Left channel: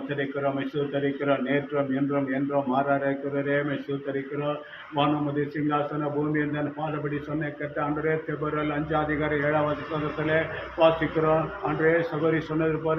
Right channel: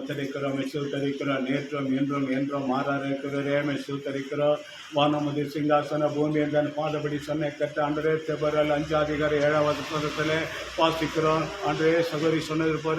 முத்தரிக்கிறோம் சூத்தரிக்கிறோம் நேற்றும் என்றும் என்றும் மாறாரைக்கிறே சூத்தரிக்கிறோம் வானமுதி சிங்காசன பூமி என்ற பாதபடி சொன்ன கட்ட அன்றே தெபரல் அஞ்சாதிகாரி ஏழாவது பதத்தில் வாசிக்கிறோம். அன்றே சகோரி சொன்னது போல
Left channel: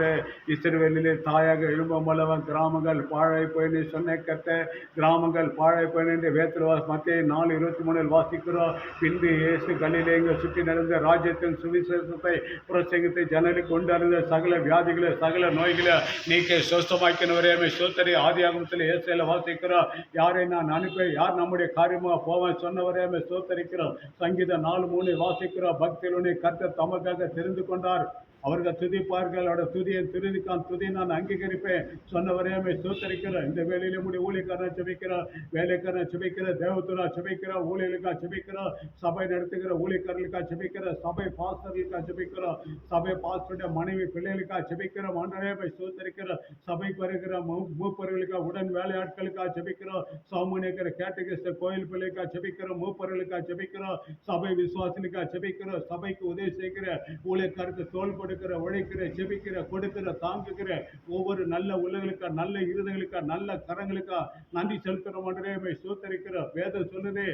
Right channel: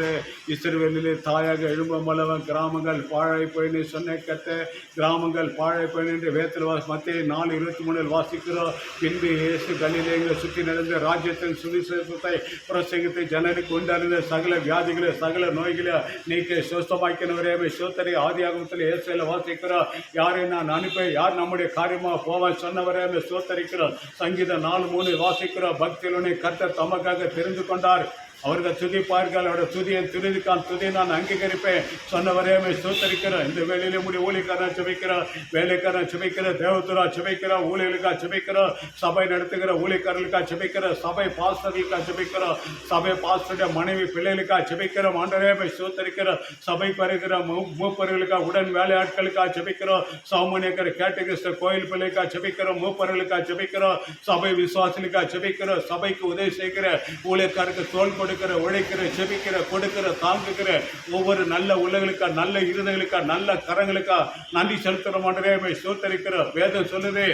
இஸ்ரேலிலே தாயாக எழும்பும் வல்லவன் கிராமங்கள் பாழை பயணி சொன்ன கட்ட கிராமங்கள் பாழை போயின்னு என்று வேத்தில் வாசி மத்திய நாலு இருபத்தி மூணில் வாசிக்கிறோம். பின்பு இயேசு கல்லிலே இங்கே சுற்றி நடந்த ராஜ்யத்தின் சுவிசேஷத்தை பிரசங்கத்தை ஜனருக்கு கொண்டு சகல வியாதிகளை சகல நோய்களை நீக்க சுஸ்தமாக்கினவரே சோத்தரி ஆதியாகமத்தில் ஆகமத்தில் வாசிக்கிறோம் யாரை நான் அனுப்பி யார் நம்முடைய காரியமாக போவேன் சொன்னவரே சோத்தரிக்கிறோம் சங்கீதம் நாலு மூணு வாசிக்கிறோம் பக்தியிலுனே கர்த்தர் தமக்காக தெரிந்து கொண்டார். அவர்கள் துதிப்பார்கள் அவருடைய துதியை துதிக்கான் துதியை நான் அங்கீகரிப்பேன். சொன்னவரே சுத்தரிக்கிறேன் இந்த வேலையிலே முடி ஊழியக்காரன் சுமைக்கிறேன் வேலைக்காரன் சுமைக்கிற தேவத்துரா சுமைக்கிறோம் ஊழியர்களுக்காக சுமைக்கிறோம் சபை நடத்துகிற ஊழியக்காரர்களுக்காக சுமைக்கிறோம் சபை பாஸ்டர்களுக்காக சுமைக்கிறோம் சபை பாஸ்டருடைய மனைவி பிள்ளைகளுக்காக சுமைக்கிறோம் ஆண்டரே சுத்தரிக்கிற சபை வருகிற மூப்பர்களுக்காக உடன் வேலையாட்களுக்காக சுமைக்கிறோம் சௌமனியக்கர் கேட்டகிஸ்ட கோயில் பிள்ளைக்காக சுமைக்கிறோம் மூப்பர்களுக்காக சுமைக்கிறோம் சபை விசுவாசிகளுக்காக சுமைக்கிறோம் சபைக்கு உதவி செய்கிற ஊழியக்காருக்கு தோல் கொடுக்கிற உழைக்கிற செபிக்கிற கொடுக்கிற தாங்குகிற ஒவ்வொரு நல்ல உள்ளங்களுக்கா நல்ல இருதங்களுக்கா நல்ல கரங்களுக்கா நன்றி செலுத்துற மாட்டேன் சோத்தரிக்கிற வேதம் சொல்லுது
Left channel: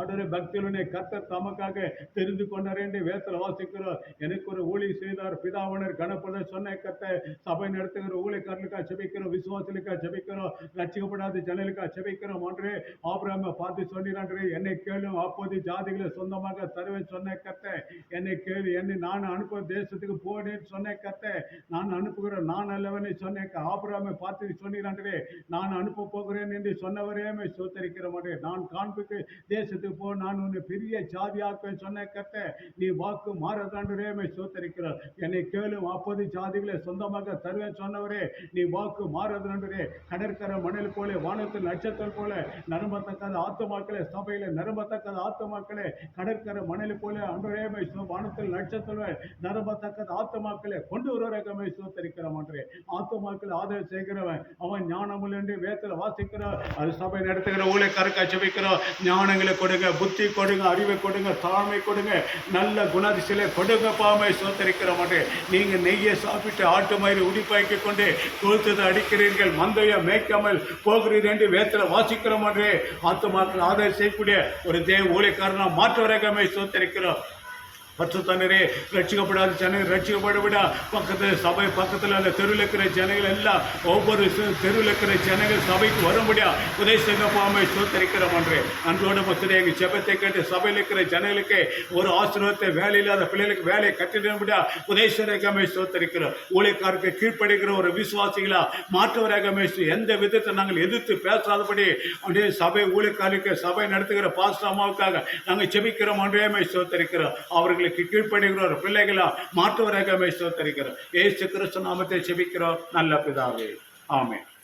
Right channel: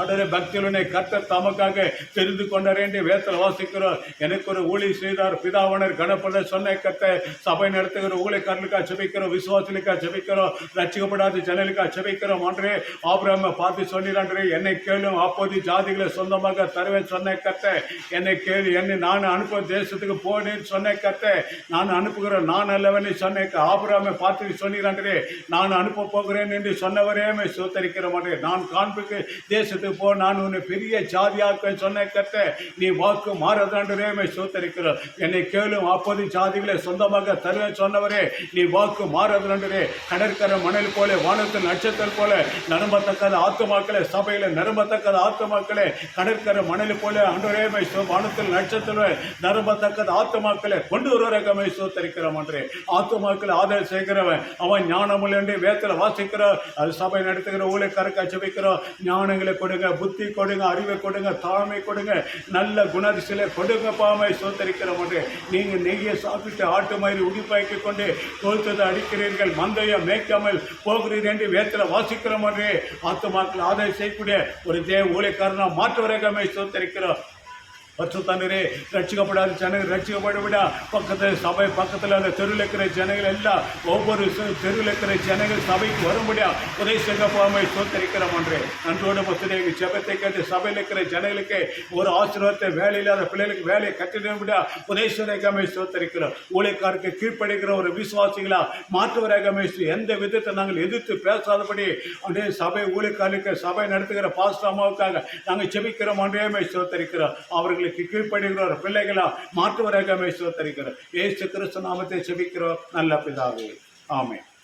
ஆண்டவரே பக்தியுடனே கர்த்தர் தமக்காக தெரிந்து கொண்டார் என்று வேத்தல் வாசிக்கிறோம். எனக்கு ஒரு ஊழி செய்தார் பிதாவனர் கணப்பட சொன்ன கத்த சபை நடத்துகிற ஊழியக்காரனுக்காக செபிக்கிறோம் விசுவாசனுக்காக செபிக்கிறோம் ரட்சிக்கப்படாத ஜனலுக்காக செபிக்கிறோம் அன்றே. ஆபிரம பார்த்து சொன்னான்றே என்னை கேளும் அப்போது ஜாதிகளை சொந்தமாக தருவேன் சொன்ன கத்த என்னை கேளு என்னை நான் அனுப்ப தேசத்துக்கு போனேன்னு சொன்ன கத்த நான் அனுப்புகிற நான் அல்லவனே சொன்ன ஆபிரம பார்த்து சொன்னான்றே நான் அனுப்ப போகிறேன் என்று சொன்னவரே சுத்தரிக்கிற மாட்டேன் நான் காண்புக்கு தேசத்துக்கு போ நான் உன்னை பெரிய சாதியாக்க சொன்ன கத்த நீ வாக்கு மாறதாண்டரே சோத்தரிக்கிறோம் என்னை கேளும் அப்போது சாதிகளை சொந்தமாக தருவேன் சொன்னவரே நீ வாக்கு மாறதாண்டுரே கடற்கரை மணல் போல வானத்தில் நட்சத்திரம் போல நரம்பத்தக்காத ஆத்துமாக்களே சபையில நரம்பத்தக்கத ஆத்துமாக்களே கடற்கரை மணல் போல அன்றரே வானத்தில் நட்சத்திரம் நரம்பத்தக்கத ஆத்துமாக்களை கொண்டு வருவரகமே சோத்தரிக்கிறோம் அன்றே. ஆத்துமாக்களை ஆதரவு செய்கிறவன் அவன் ஞானமுள்ள என்று வேத்தில் வாசிக்கிற அது சபை நடத்துகிற ஊழியக்காரக்காய் வைக்கிறோம் ஞானங்களை கொடுங்க புத்தி கொடுங்க அறிவை கொடுங்க தாழ்மை கொடுங்க நல்ல குணாதிசலை கொடுங்க பாமை சோத்தரிக்கிற மாதிரி. நீங்கள் நெய்யை சாப்பிட்டு ஆட்டு மயிறு உடிப்பாக்கி கொண்டு கொழுத்ததை அடிக்கிறீர்கள் மந்தையை மேய்க்காமல் போகிறீர்கள் என்று வேத்தில் வாசிக்கிற மாதிரி மாற்று ஆதரவு செய்யக்கூடிய ஒரு தேவ ஊழியக்காரனா மாற்றுவரகமே சோத்தரிக்கிறோம். பத்து தண்ணீரே ரட்சிக்கப்படாத ஜனங்கள் ரட்சிக்கப்பட விட. பக்கத்தில் சபை பக்கத்தில் அந்த தெருவில் இருக்கிற ஜனங்கள் எல்லாம் ஒவ்வொரு தெருவில் இருக்கிற ஜனங்கள் சபைக்கு வரும்படியா உதவி செய்ய போகாம சோத்தரிக்கிறோம் என்று அன்றோடு பத்திரி எங்கள் ஜபத்தை கேட்டு சபையில் இருக்கிற ஜனங்களுக்கு ஒரு ஆசீர்வாதத்தை வேலை இல்லாத பிள்ளைகளுக்கு வேலையை கட்டிடும்படியா உதவி செய்யாமை சோத்தரிக்கிறோம். ஊழியக்காருக்கு கீழ்ப்படுகிற ஒரு விசுவாசிகளா மாற்றுவராக எந்த விதத்தை நாங்கள் எதிர்த்து பேசாதபடி அப்படியே சபை ஊழியக்காருக்கு சபை நடத்துகிற பாஸ்டாமாவுக்காக நாங்கள் செபிக்கிறோம் அன்றே சோத்தரிக்கிறோம். அவர்களுக்கு கீழ்ப்படுகிற பிள்ளைகளா மாற்றுவராக சோத்தரிக்கிறோம் ஏசு கிறிஸ்து நாமத்தை செபிக்கிறோம். நல்ல பிதாவே. ஆமே